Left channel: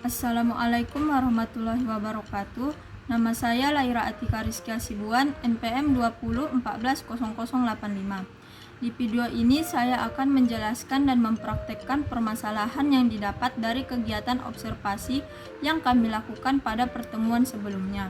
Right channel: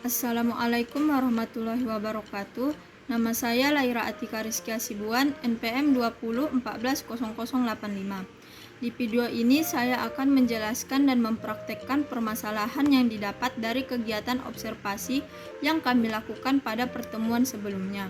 Assalamualaikum warahmatullahi wabarakatuh. Nama saya Laira Atika Rizky Sibuan, NPM 20140085. Di video ini saya akan menjelaskan dan mempraktekkan permasalahan yang didapat dari kegiatan observasi yang kami lakukan pada pertemuan sebelumnya.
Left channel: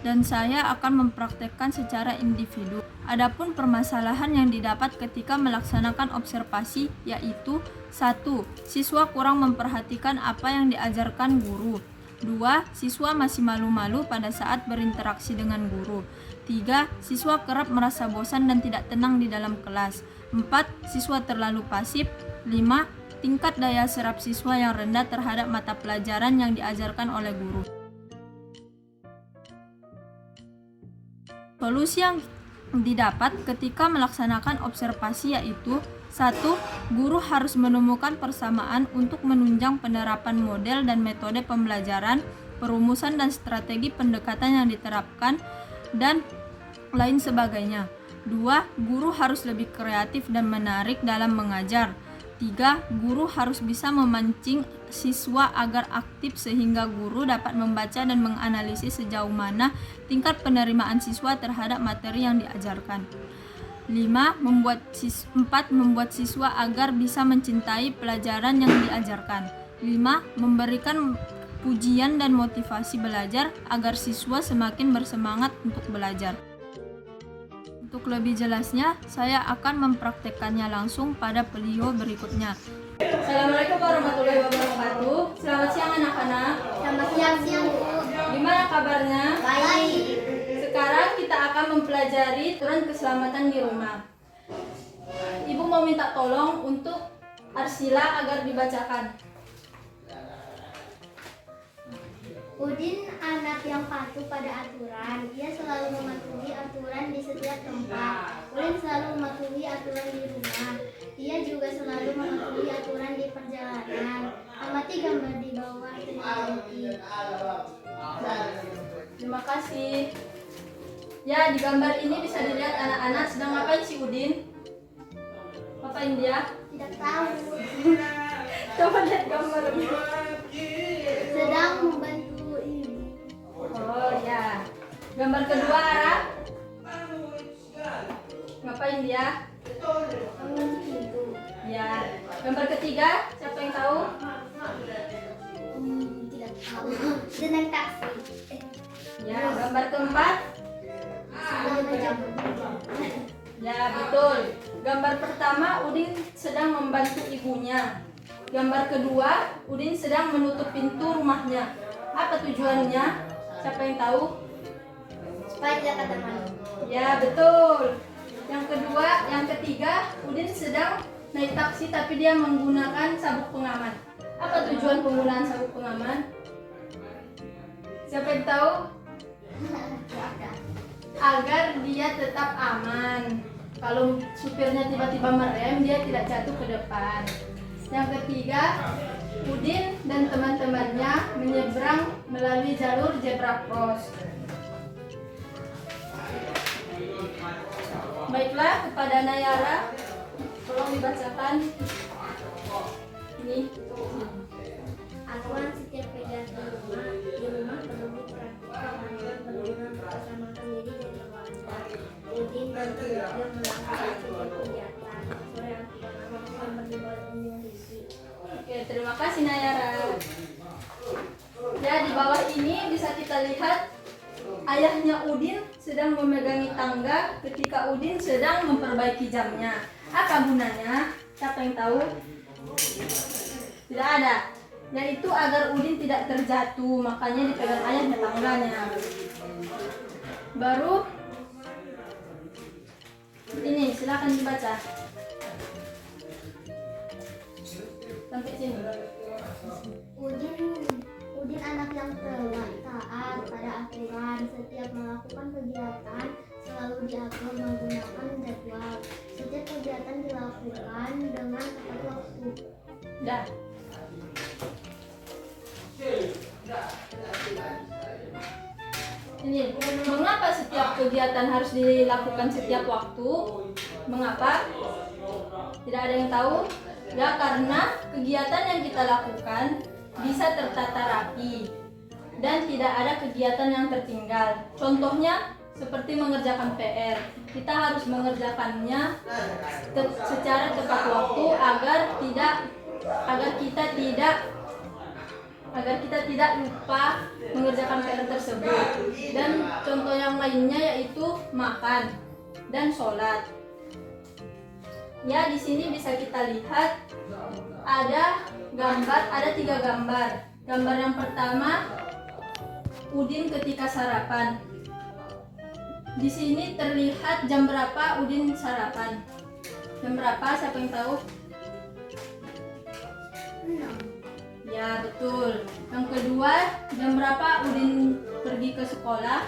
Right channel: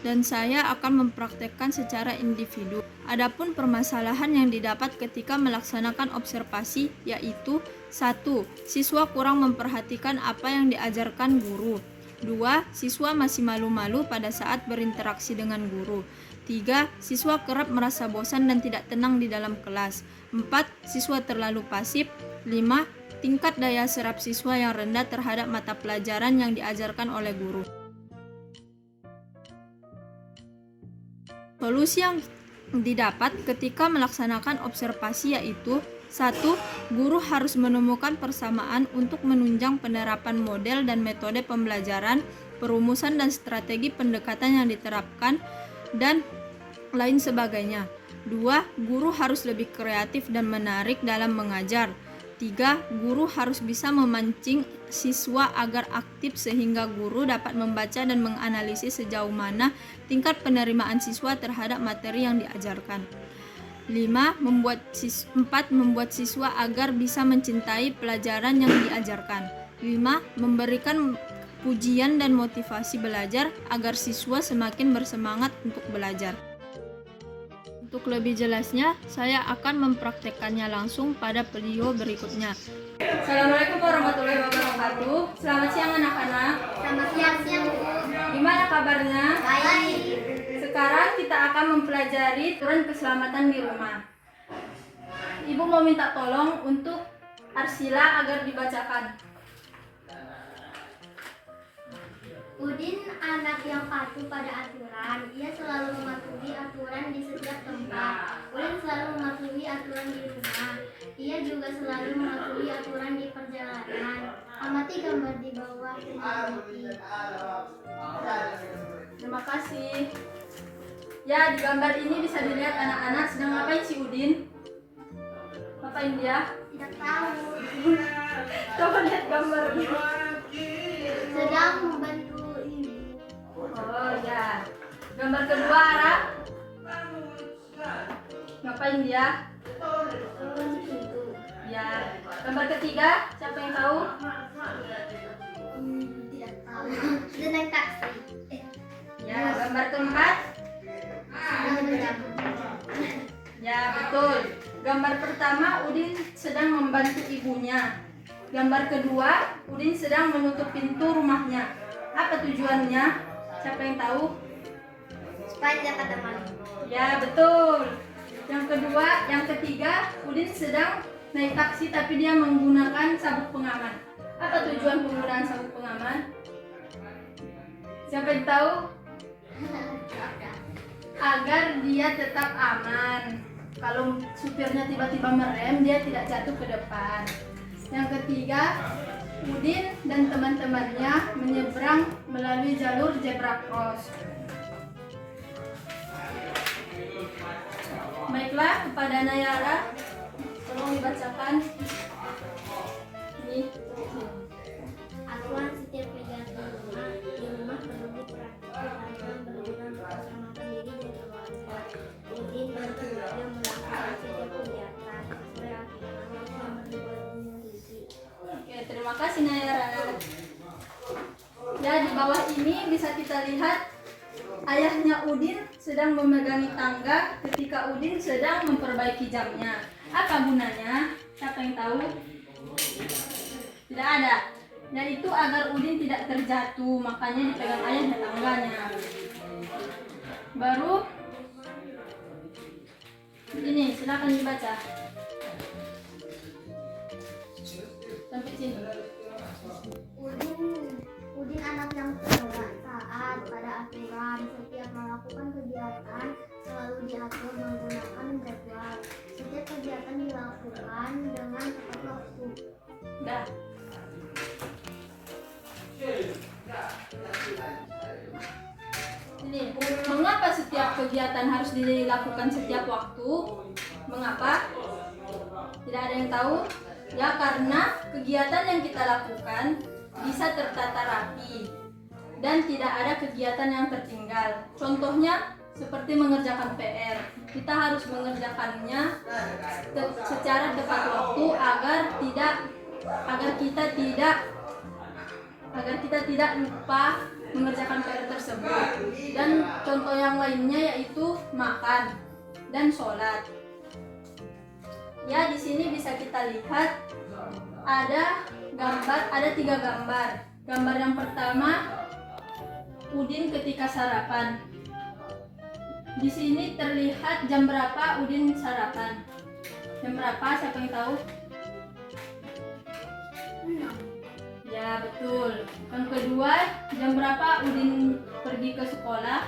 Dan saya akan mempraktekkan secara individu. Adapun permasalahan yang didapat ketika melaksanakan observasi yaitu 1. Siswa kurang memperhatikan apa yang diajarkan guru. 2. Siswa masih malu-malu pada saat berinteraksi dengan guru. 3. Siswa kerap merasa bosan dan tidak tenang di dalam kelas. 4. Siswa terlalu pasif. 5. Tingkat daya serap siswa yang rendah terhadap mata pelajaran yang diajarkan oleh guru. Solusi yang didapat ketika melaksanakan observasi yaitu 1. Guru harus menemukan persamaan untuk menunjang penerapan model dan metode pembelajaran, perumusan dan strategi pendekatan yang diterapkan, dan lain sebagainya. 2. Guru harus lebih kreatif dan menarik dalam mengajar. 3. Guru harus bisa memancing siswa agar aktif sehingga guru dapat membaca dan menganalisis sejauh mana tingkat penerimaan siswa terhadap materi yang diajarkan. 4. Membuat siswa agar bisa mencintai pelajaran yang diajarkan. 5. Memberikan pujian dan motivasi belajar agar siswa semakin bersemangat untuk belajar. Untuk lebih jelasnya, saya akan mempraktekkannya langsung pada video berikutnya. Assalamualaikum warahmatullahi wabarakatuh. Selamat siang anak-anak. Selamat siang Bu. Gimana kabarnya? Baik. Sekarang kita akan mempelajari aturan keselamatan di rumah. Ibu mau minta tolong untuk Arsila agar dibacakan. Udin anak yang patuh pada aturan. Ia selalu mematuhi aturan di setiap tempat. Udin selalu mematuhi aturan di rumah. Ia juga selalu mematuhi aturan di perjalanan. Amati gambar di bawah teknologi. Terima kasih. Ya, di gambar ini bisa dilihat anak-anak sedang ngapain si Udin? Ngapain dia? Tidak tahu. Coba lihat gambarnya. Sedang membantu ibu. Oh ya. Gambar kedua Ara. Ngapain dia? Membantu ibu. Ya. Gambar ketiga, siapa yang tahu? Tidak tahu. Sedang naik taksi. Ya, gambar keempat. Sedang menjemput. Ya, betul. Gambar pertama Udin sedang membantu ibunya. Gambar kedua, Udin sedang menutup pintu rumahnya. Apa tujuannya? Siapa yang tahu? Supaya tidak kata malu. Ya, betul. Yang ketiga, Udin sedang naik taksi tapi dia menggunakan sabuk pengaman. Apa tujuan penggunaan sabuk pengaman? Siapa yang tahu? Agar dia tetap aman. Kalau supirnya tiba-tiba merem, dia tidak jatuh ke depan. Yang ketiga, Udin dan teman-temannya menyeberang melalui jalur zebra cross. Baiklah, kepada Nayara, tolong dibacakan. Ini. Aturan setiap kegiatan di rumah perlu diperhatikan. Aturan berguna bersama-sama diri dan keluarga. Udin dan keluarga melakukan setiap kegiatan sesuai aturan aman berdibat memiliki. Oke, terima kasih Nayara. Ya, di bawah ini bisa kita lihat ayahnya Udin sedang memegangi tangga ketika Udin sedang memperbaiki jamnya. Apa gunanya? Siapa yang tahu? Tidak ada. Yaitu agar Udin tidak terjatuh, makanya dipegang ayahnya tangganya. Baru ini, silakan dibaca. Sampai sini. Udin anak yang taat pada aturan. Setiap melakukan kegiatan selalu diatur menggunakan jadwal. Setiap kegiatan dilakukan dengan tepat waktu. Dah. Ini, mengapa setiap kegiatan harus dilakukan setiap waktu? Mengapa? Tidak ada yang tahu? Ya, karena kegiatan yang kita lakukan bisa tertata rapi, dan tidak ada kegiatan yang tertinggal. Contohnya seperti mengerjakan PR. Kita harus mengerjakannya secara tepat waktu agar kita tidak lupa mengerjakan PR tersebut. Dan contoh yang lainnya yaitu makan dan sholat. Ya, di sini bisa kita lihat ada 3 gambar. Gambar yang pertama, Udin ketika sarapan. Di sini terlihat jam berapa Udin sarapan. Jam berapa? Siapa yang tahu? Ya, betul. Yang kedua, jam berapa Udin pergi ke sekolah?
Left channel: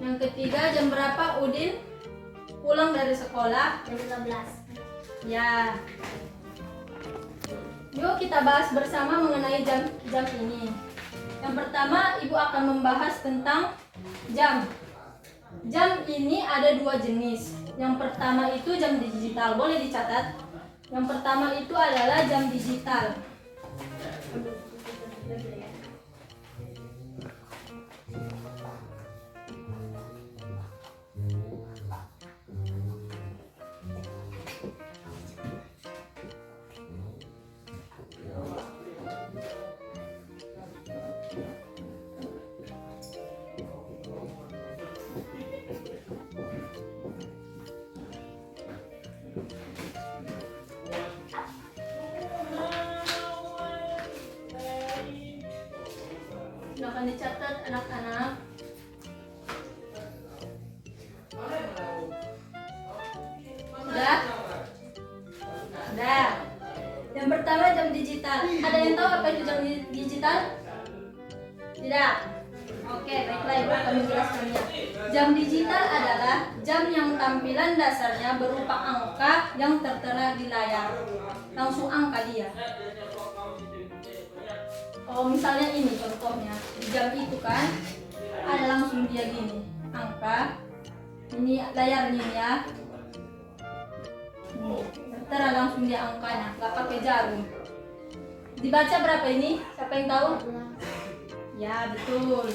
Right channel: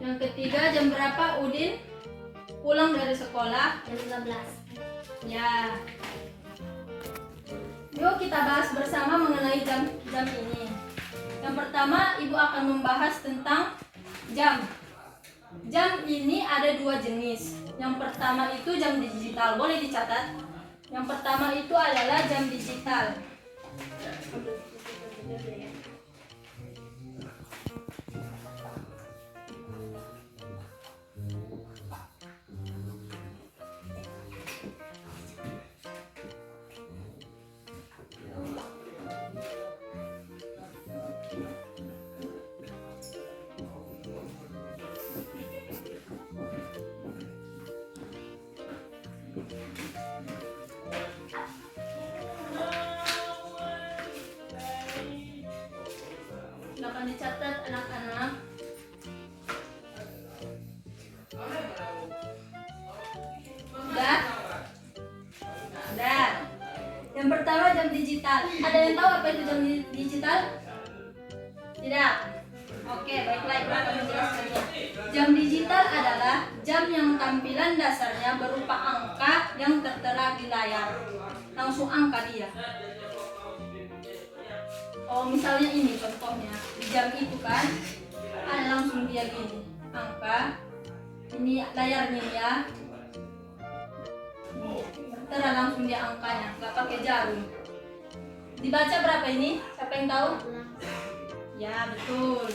Yang ketiga, jam berapa Udin pulang dari sekolah? Jam 12. Ya. Yuk kita bahas bersama mengenai jam ini. Yang pertama, Ibu akan membahas tentang jam. Jam ini ada 2 jenis. Yang pertama itu jam digital. Boleh dicatat. Yang pertama itu adalah jam digital. Silakan dicatat anak-anak. Sudah? Sudah. Yang pertama jam digital. Ada yang tahu apa itu jam digital? Tidak? Oke, baiklah, Ibu akan menjelaskannya. Jam digital adalah jam yang tampilan dasarnya berupa angka yang tertera di layar. Langsung angka dia. Oh, misalnya ini contohnya. Di jam itu kan ada langsung dia gini. Angka. Ini layarnya ya. Tertera langsung dia angkanya. Nggak pakai jarum. Dibaca berapa ini? Siapa yang tahu? Ya, betul.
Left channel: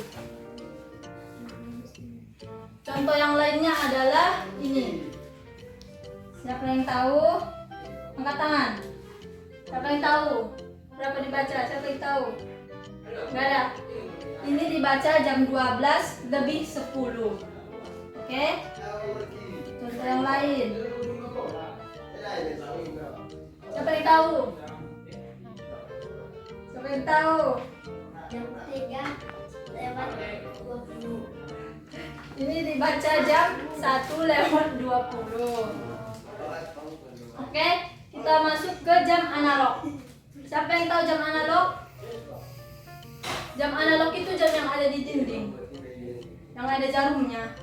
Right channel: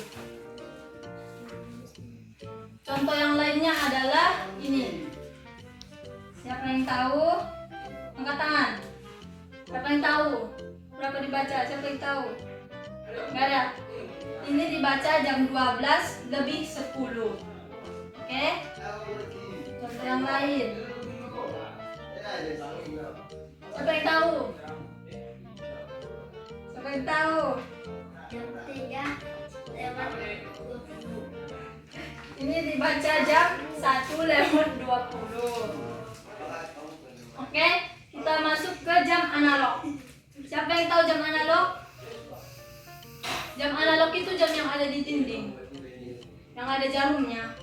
Contoh yang lainnya adalah ini. Siapa yang tahu? Angkat tangan. Siapa yang tahu? Berapa dibaca? Siapa yang tahu? Nggak ada. Ini dibaca jam 12 lebih 10. Oke? Contoh yang lain. Siapa yang tahu? Siapa yang tahu? Jam 3:20. Ini dibaca jam 1:20. Oke, kita masuk ke jam analog. Siapa yang tahu jam analog? Jam analog itu jam yang ada di dinding, yang ada jarumnya.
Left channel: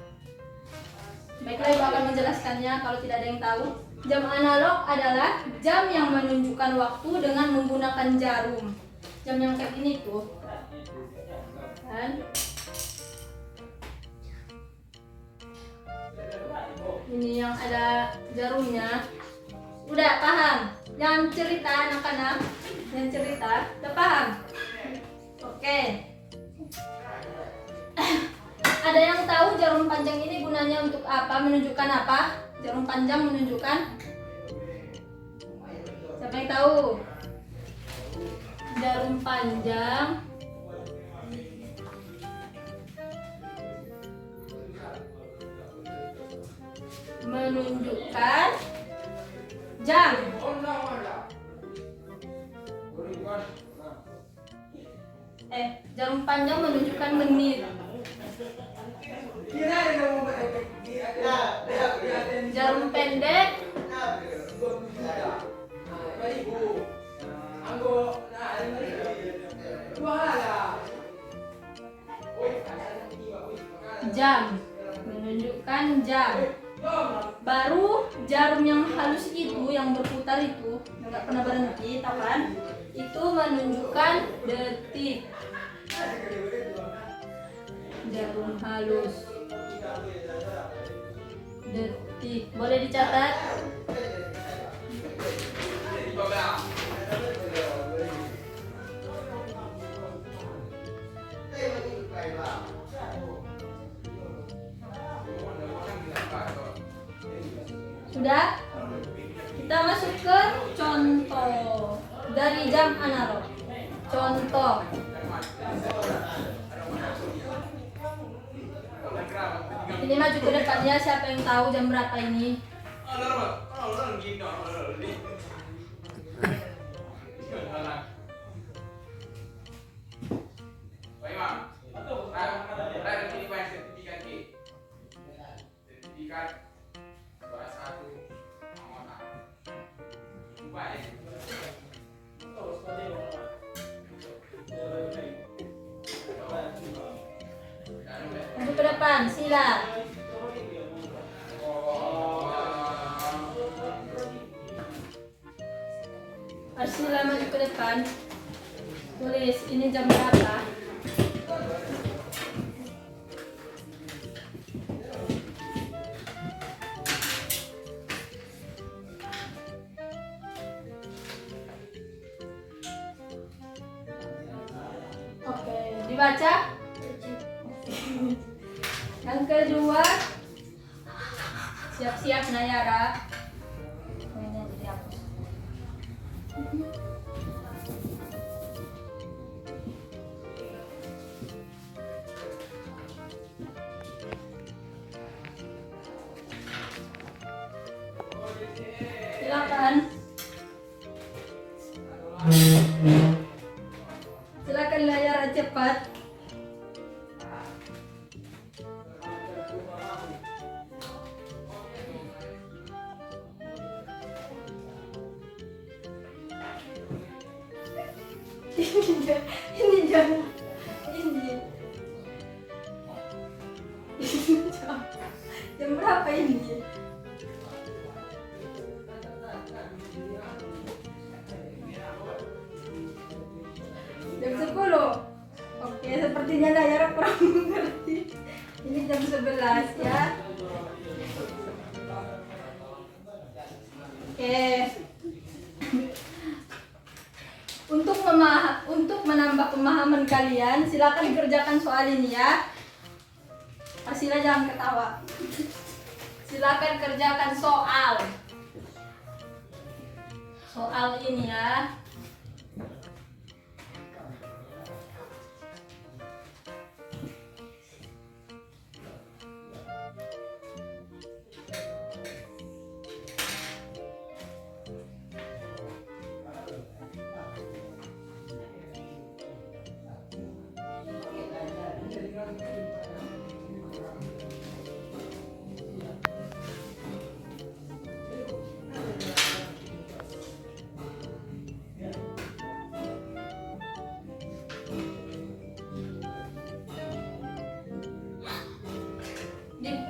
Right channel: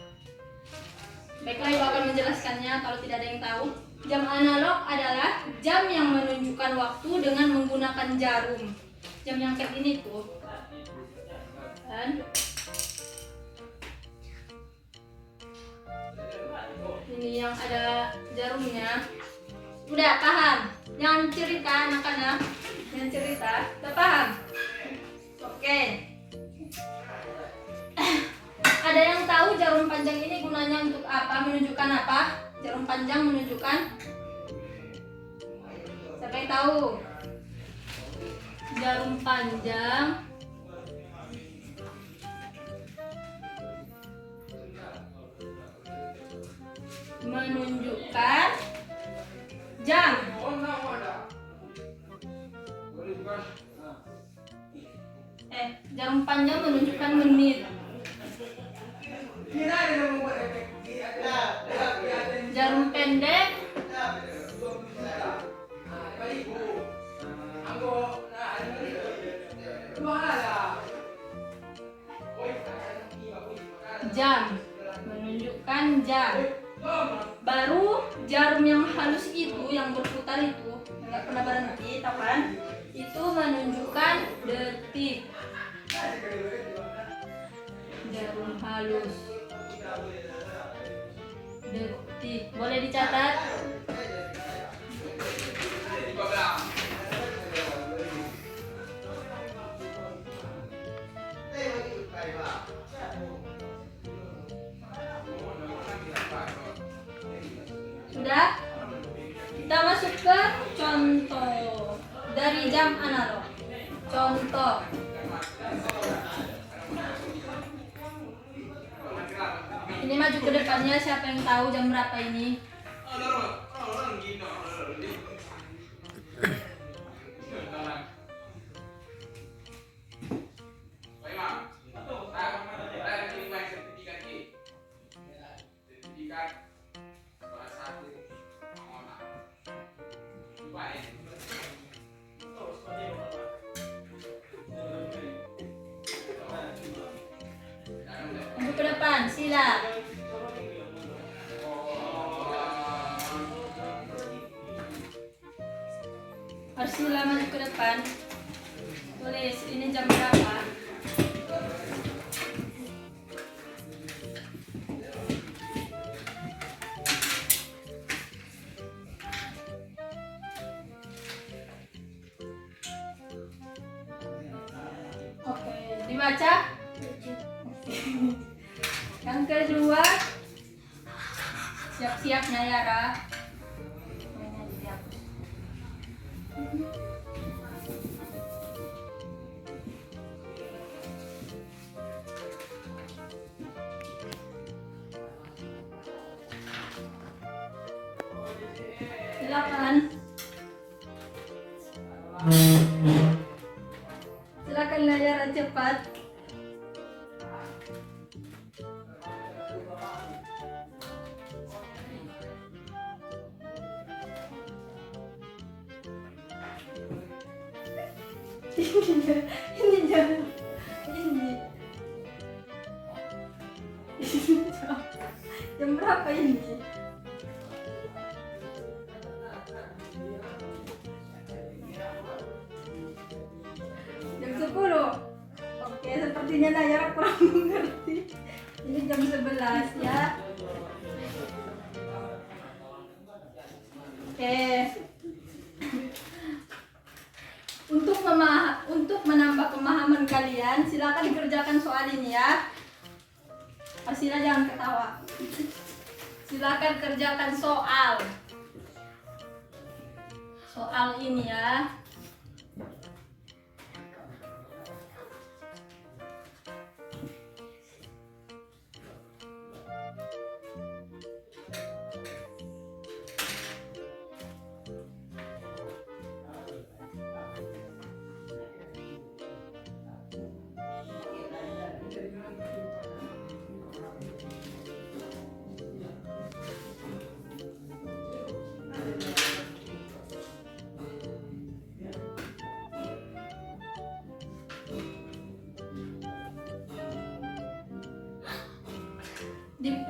Baiklah, Ibu akan menjelaskannya kalau tidak ada yang tahu. Jam analog adalah jam yang menunjukkan waktu dengan menggunakan jarum. Jam yang kayak gini tuh. Dan ini yang ada jarumnya. Udah paham? Yang cerita anak-anak, yang cerita, udah paham? Oke. Ada yang tahu jarum panjang ini gunanya untuk apa? Menunjukkan apa? Jarum panjang menunjukkan? Siapa yang tahu? Jarum panjang menunjukkan jam. Jarum panjang menunjukkan menit. Jarum pendek jam, menunjukkan jam. Baru jarum yang halus itu, yang berputar itu, nggak pernah berhenti, tahu kan? Itu menunjukkan detik. Jarum halus, detik. Boleh dicatat? Sudah? Kita masuk ke contoh dari jam analog. Contoh. Ini maju ke depannya, siapa yang tahu jam berapa ini? Maju ke depan, sila. Arsila maju ke depan. Tulis, ini jam berapa? Oke, dibaca. Yang kedua, siap-siap Nayara. Silakan. Silakan Nayara cepat. Ini jam jam berapa ini? Jam 10. Oke, sepertinya Nayara kurang mengerti. Ini jam 11 ya. Oke. Untuk menambah pemahaman kalian, silakan dikerjakan soal ini ya. Arsila jangan ketawa. Silakan kerjakan soal ini ya.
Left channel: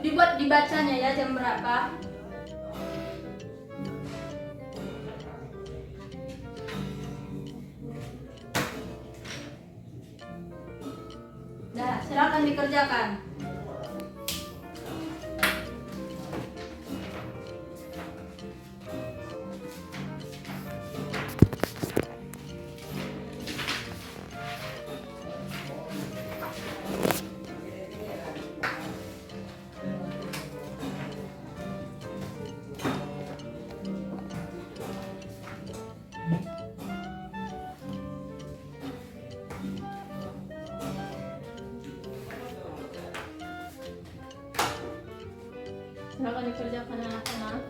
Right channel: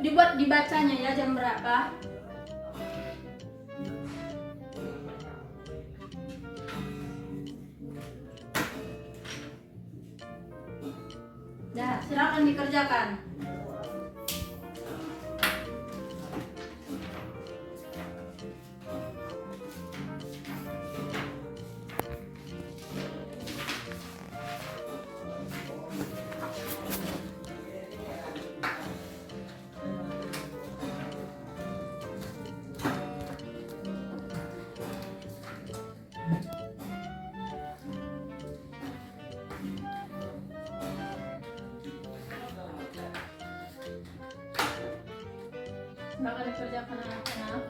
Dibuat dibacanya ya jam berapa. Nah, silakan dikerjakan. Silakan dikerjakan anak-anak.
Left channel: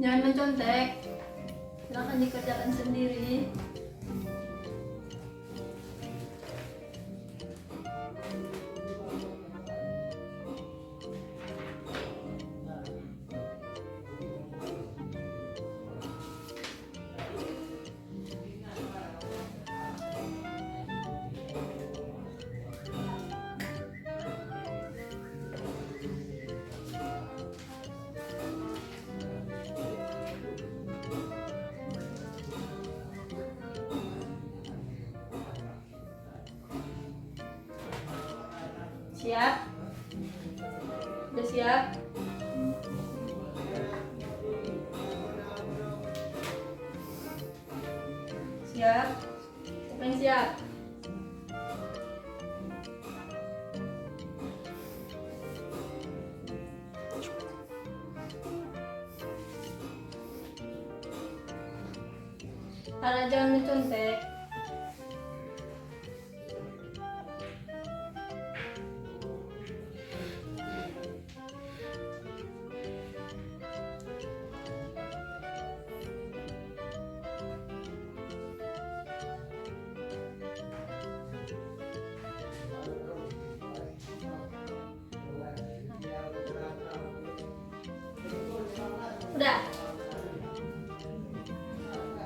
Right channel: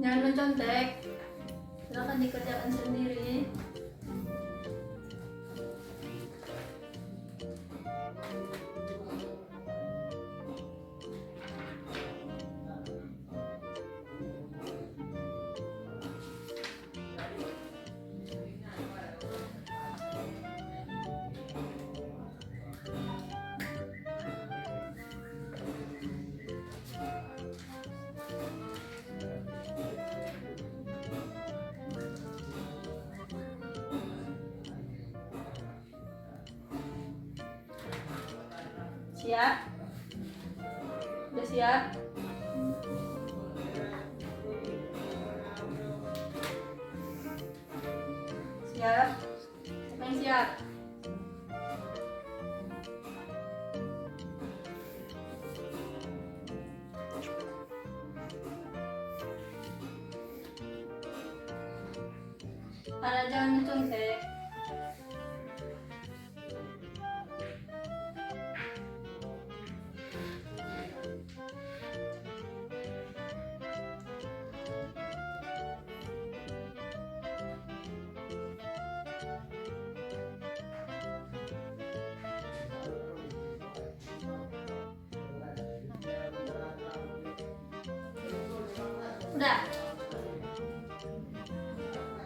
Jangan mencontek. Silakan dikerjakan sendiri. Siap? Udah siap? Siap? Siapa yang siap? Ada jangan mencontek. Sudah?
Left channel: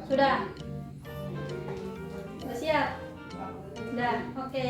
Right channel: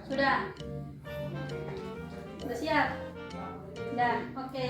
Sudah? Sudah siap? Sudah, oke.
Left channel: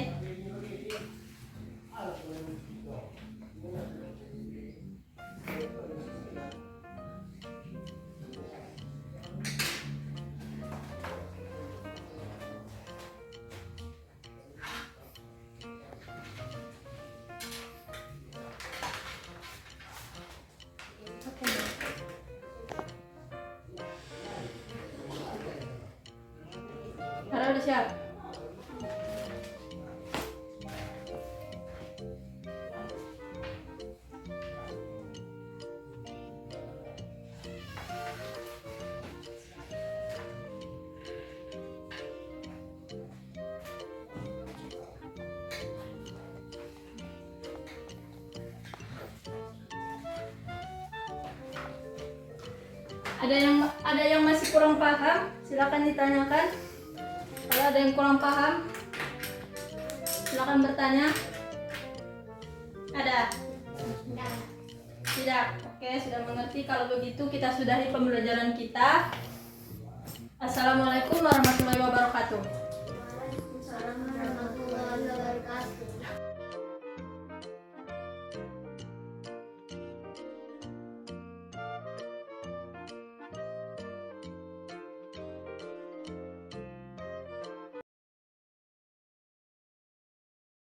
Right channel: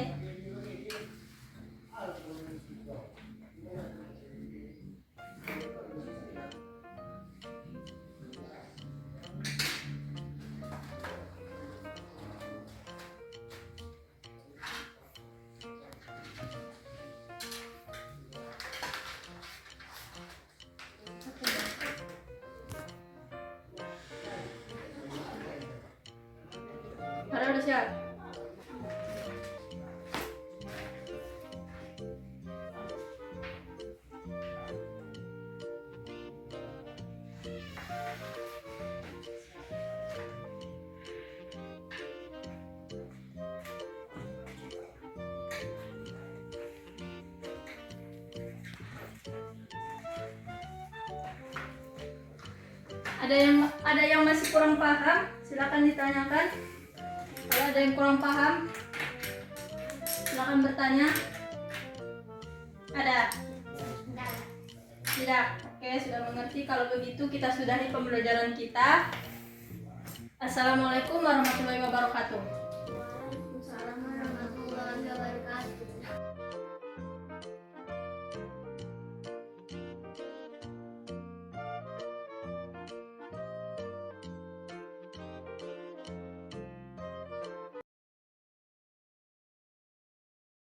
Farel udah siap? Ada yang masih kurang paham, silakan ditanyakan. Kalau ada yang kurang paham, silakan bertanya. Ada? Tidak? Oke, sudah mengerti. Kalau begitu kita sudahi pembelajaran kita. Assalamualaikum warahmatullahi wabarakatuh.